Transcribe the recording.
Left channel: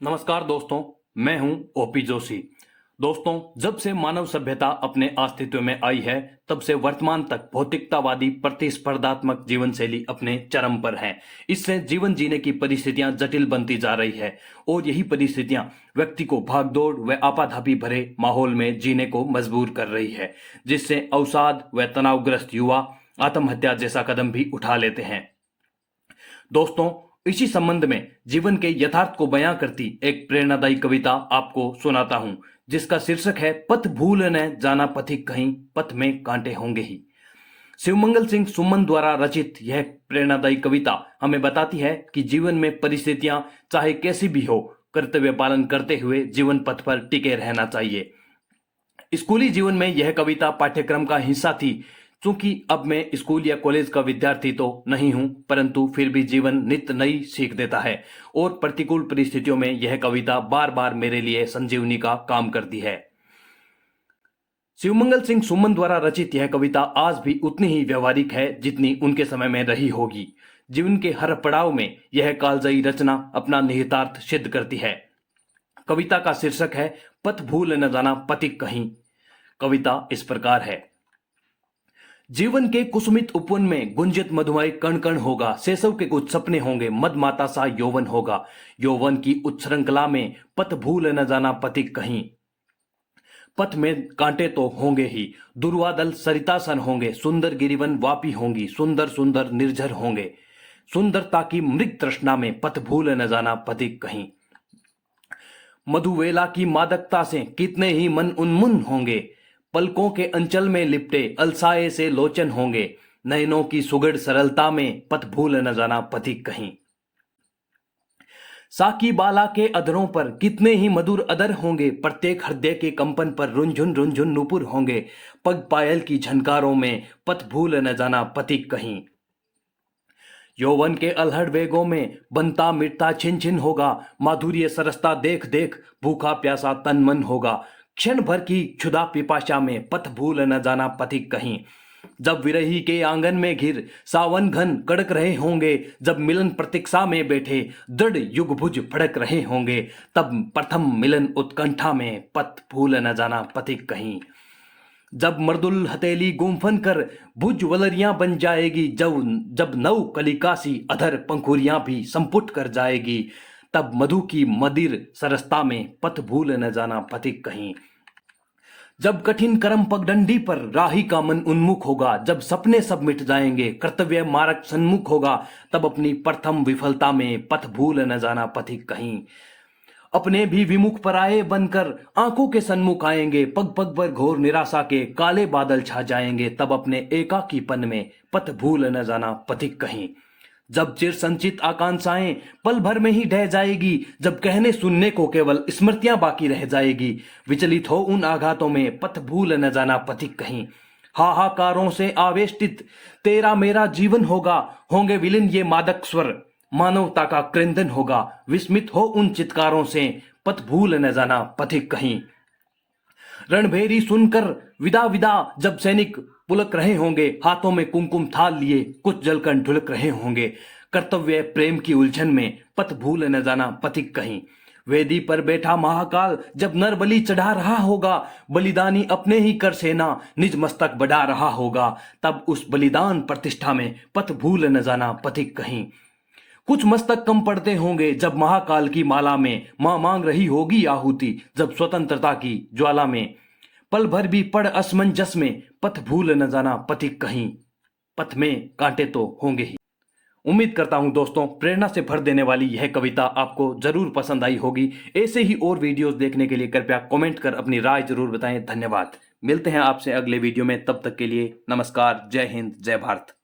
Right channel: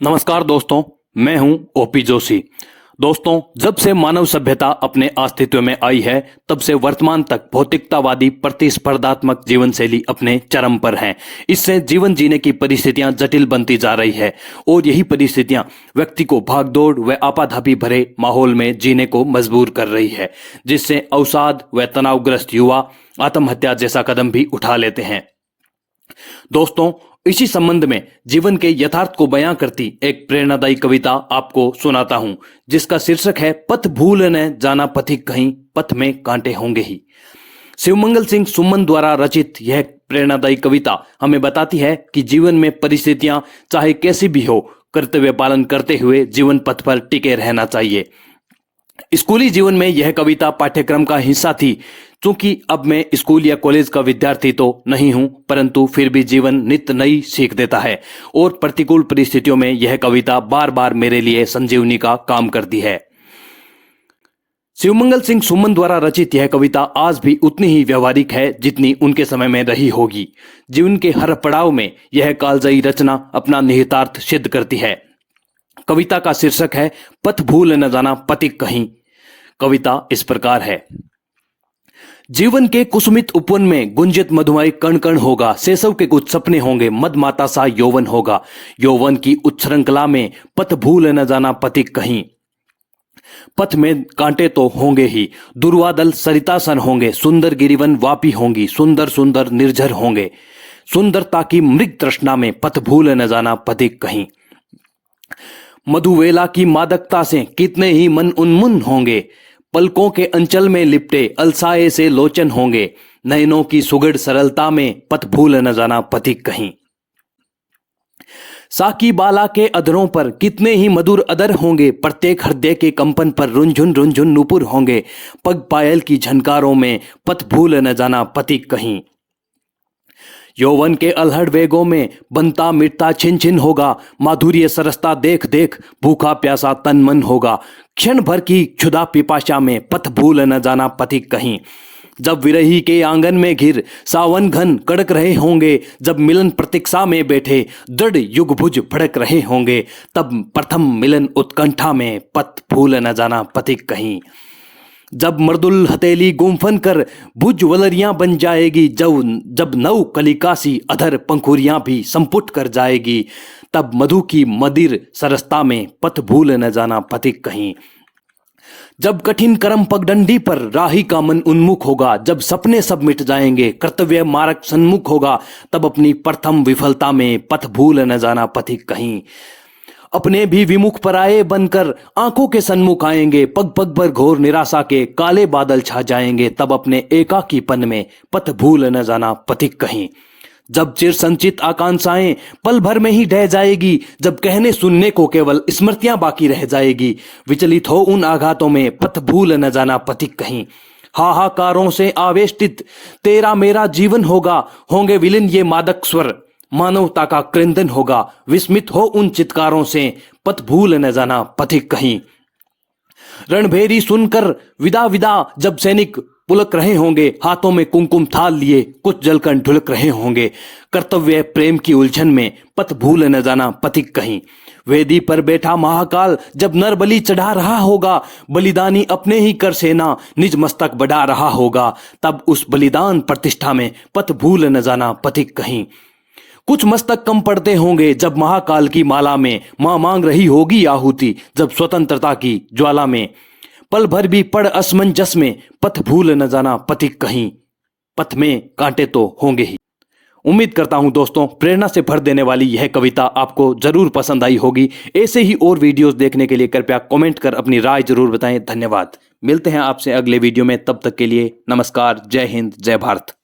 नमस्कार दोस्तों, मैं हूं ओपी जोशी। दोस्तों, जब से मानव सभ्यता अपने अस्तित्व में आई है तब से वर्तमान तक भौतिकतावादी प्रतिस्पर्धात्मक जीवन शैली अपने चरम पर है। इससे जीवन जीने की परिस्थितियां जटिल बनती जा रही है और यही परिस्थितियां व्यक्ति को भागदौड़ व आपाधापी भरे माहौल में जीने को मजबूर कर रही है, जिससे अवसाद व तनावग्रस्त युवा आत्महत्या जैसा कदम भी उठा लेते हैं। दोस्तों, इसी संबंध में जीवन के यथार्थ को बयां करती एक प्रेरणादायी कविता आपको सुनाता हूं, जिसका शीर्षक है पथ भूल न जाना पथिक कहीं, पथ में कांटे होंगे ही। शिवमंगल सिंह सुमन द्वारा रचित यह प्रेरणादायी कविता हमें बताती है कि जीवन में परिस्थितियां चाहे कैसी भी हो, कर्तव्य पालन करते हुए जीवन पथ पर टिके रहना चाहिए। स्कूली जीवन में यह कविता पाठ्यक्रम का हिस्सा थी। चूंकि अब मैं स्कूल या कॉलेज का विद्यार्थी तो नहीं हूं, परंतु फिर भी जीवन नित्य नई सीख देता है और प्रतिकूल परिस्थितियों में यह कविता बार बार मेरे लिए संजीवनी का काम करती है। शिवमंगल सिंह सुमन द्वारा रचित यह कविता आज भी उतनी ही व्यवहारिक है जितनी उनके समय में रही होगी। जीवन के हर पड़ाव में यह कालजयी रचना अपना निहितार्थ सिद्ध करती है। कविता का शीर्षक है पथ भूल न जाना पथिक कहीं। कविता इस प्रकार है। जीवन के कुसुमित उपवन में गुंजित मधुमय कण कण होगा, शैशव के कुछ सपने होंगे, मदमाता सा यौवन होगा। यौवन की उच्छृंखला में पथ भूल न जाना पथिक कहीं। पथ में कांटे तो होंगे ही, दुर्वादल सरितासन होंगे, सुंदर गिरिवन वापी होंगी, सुंदर सुंदर निर्झर होंगे। सुंदरता की मृग तृष्णा में पथ भूल न जाना पथिक कहीं। मधुवेला की मादकता से कितने ही मन उन्मुन होंगे, पलकों के अंचल में लिपटे अलसाए से लोचन होंगे। नयनों की सुगढ़ सरलता में पथ भूल न जाना पथिक कहीं। साकी बाला के अधरों पर कितने ही मधुर अधर होंगे, प्रत्येक हृदय के कंपन पर रुंझुन रुंझुन नुपुर होंगे। पग पायल की झनकारों में पथ भूल न जाना पथिक कहीं। यौवन के अलहड़ वेगों में बनता मिटता छिन छिन होगा, माधुर्य सरसता देख देख भूखा प्यासा तन मन होगा। क्षण भर की क्षुधा पिपाशा में पथ भूल न जाना पथिक कहीं। जब विरही के आंगन में घिर सावन घन कड़क रहे होंगे, जब मिलन प्रतीक्षा में बैठे दृढ़ युगभुज फड़क रहे होंगे, तब प्रथम मिलन उत्कंठा में पथ भूल न जाना पथिक कहीं। जब मृदुल हथेली गुम्फन कर भुज वलरियां बन जाएगी, जब नव कलिकासी अधर पंखुरियां भी संपुट कर जाएगी, तब मधु की मदिर सरसता में पथ भूल न जाना पथिक कहीं। जब कठिन कर्म पगडंडी पर राही का मन उन्मुख होगा, जब सपने सब मिट जाएंगे, कर्तव्य मार्ग सन्मुख होगा, तब अपनी प्रथम विफलता में पथ भूल न जाना पथिक कहीं। अपने भी विमुख पराये बनकर आंखों के सन्मुख आएंगे, पग पग पर घोर निराशा के काले बादल छा जाएंगे, तब अपने एकाकीपन में पथ भूल न जाना पथिक कहीं। जब चिर संचित आकांक्षाएं पल भर में ही ढह जाएगी, जब कहने सुनने को केवल स्मृतियां बाकी रह जाएगी, विचलित हो उन आघातों में पथ भूल न जाना पथिक कहीं। हाहाकारों से आवेष्टित तेरा मेरा जीवन होगा, होंगे विलीन ये मादक स्वर, मानवता का क्रंदन होगा। विस्मित हो उन चित्कारों से पथ भूल न जाना पथिक कहीं। रणभेरी सुनकर विदा विदा जब सैनिक पुलक रहे होंगे, हाथों में कुमकुम थाल लिए कुछ जलकर ढुलक रहे होंगे, कर्तव्य प्रेम की उलझन में पथ भूल न जाना पथिक कहीं। वेदी पर बैठा महाकाल जब नर बलि चढ़ा रहा होगा, बलिदानी अपने ही कर सेना निज मस्तक बढ़ा रहा होगा, तब उस बलिदान प्रतिष्ठा में पथ भूल न जाना पथिक कहीं। कुछ मस्तक कम पड़ते होंगे जब महाकाल की माला में मां मांग रही होगी आहुति, जब स्वतंत्रता की ज्वाला में पल भर भी पड़ असमंजस में पथ भूल न जाना पथिक कहीं। पथ में कांटे तो होंगे ही। उम्मीद करता हूं दोस्तों, प्रेरणा से भर देने वाली यह कविता आपको जरूर पसंद आई होगी। ऐसे ही और वीडियोस देखने के लिए कृपया कमेंट कर अपनी राय जरूर बताएं। धन्यवाद। मिलते हैं आपसे अगले वीडियो में, तब तक के लिए नमस्कार। जय हिंद, जय भारत।